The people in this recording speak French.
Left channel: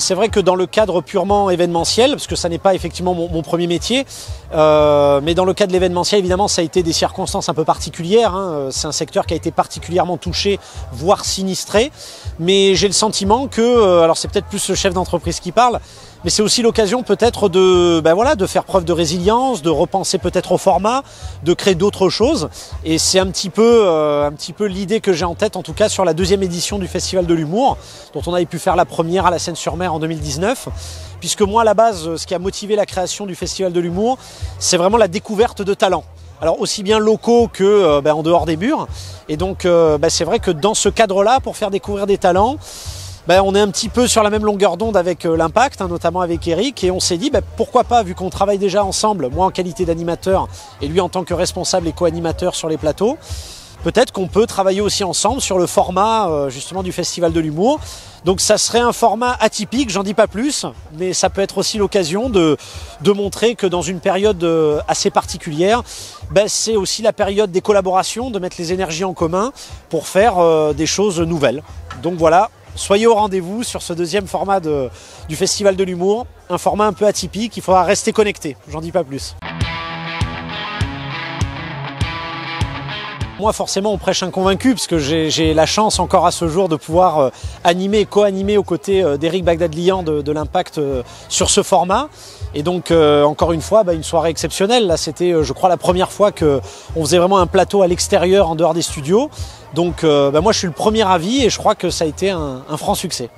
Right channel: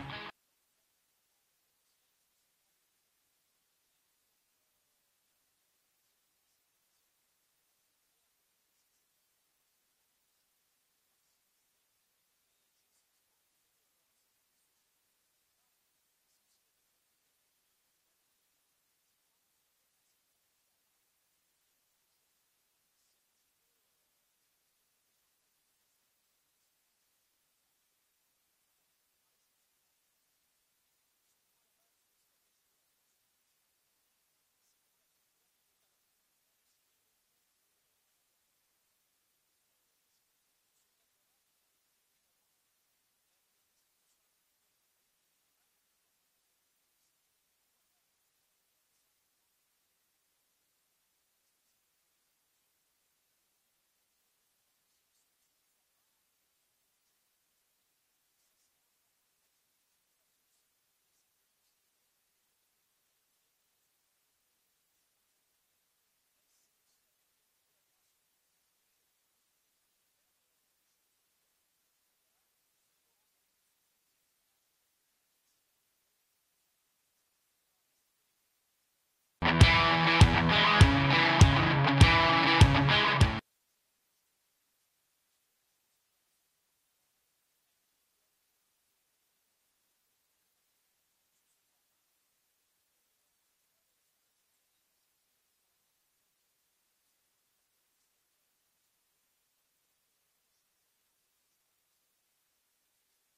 C'est vrai que dans le cadre purement événementiel, parce que ça n'est pas effectivement mon premier métier, mais dans le cadre de l'événementiel, évidemment, ça a été des circonstances un peu particulières. Hein. C'est un secteur qui a été particulièrement touché, voire sinistré. Mais j'ai le sentiment que, alors c'est peut-être plus le chef d'entreprise qui parle, mais c'est aussi l'occasion peut-être de, de faire preuve de résilience, de repenser peut-être au format, de créer d'autres choses. Et c'est un petit peu l'idée que j'ai en tête, en tout cas sur la deuxième édition du Festival de l'Humour, dont on avait pu faire la première à la Seine-sur-Mer en 2019. Puisque moi, à la base, ce qui a motivé la création du Festival de l'Humour, c'est vraiment la découverte de talents. Alors aussi bien locaux que en dehors des murs. Et donc c'est vrai que dans ce cadre-là, pour faire découvrir des talents, on est un petit peu sur la même longueur d'onde avec l'Impact, hein, notamment avec Eric, et on s'est dit pourquoi pas, vu qu'on travaille déjà ensemble, moi en qualité d'animateur et lui en tant que responsable et co-animateur sur les plateaux, peut-être qu'on peut travailler aussi ensemble sur le format justement du Festival de l'Humour. Donc ça serait un format atypique, j'en dis pas plus, mais ça peut être aussi l'occasion de montrer que dans une période assez particulière, c'est aussi la période des collaborations, de mettre les énergies en commun pour faire des choses nouvelles. Donc voilà, soyez au rendez-vous sur ce deuxième format du Festival de l'Humour, un format un peu atypique, il faudra rester connecté, j'en dis pas plus. Moi, forcément, on prêche un convaincu, parce que j'ai la chance encore à ce jour de pouvoir animer et co-animer aux côtés d'Eric Bagdadlian de l'Impact sur ce format. Et donc, encore une fois, une soirée exceptionnelle. Là, c'était, je crois, la première fois qu'on faisait vraiment un plateau à l'extérieur, en dehors des studios. Donc, moi, je suis le premier avis et je crois que ça a été un franc succès.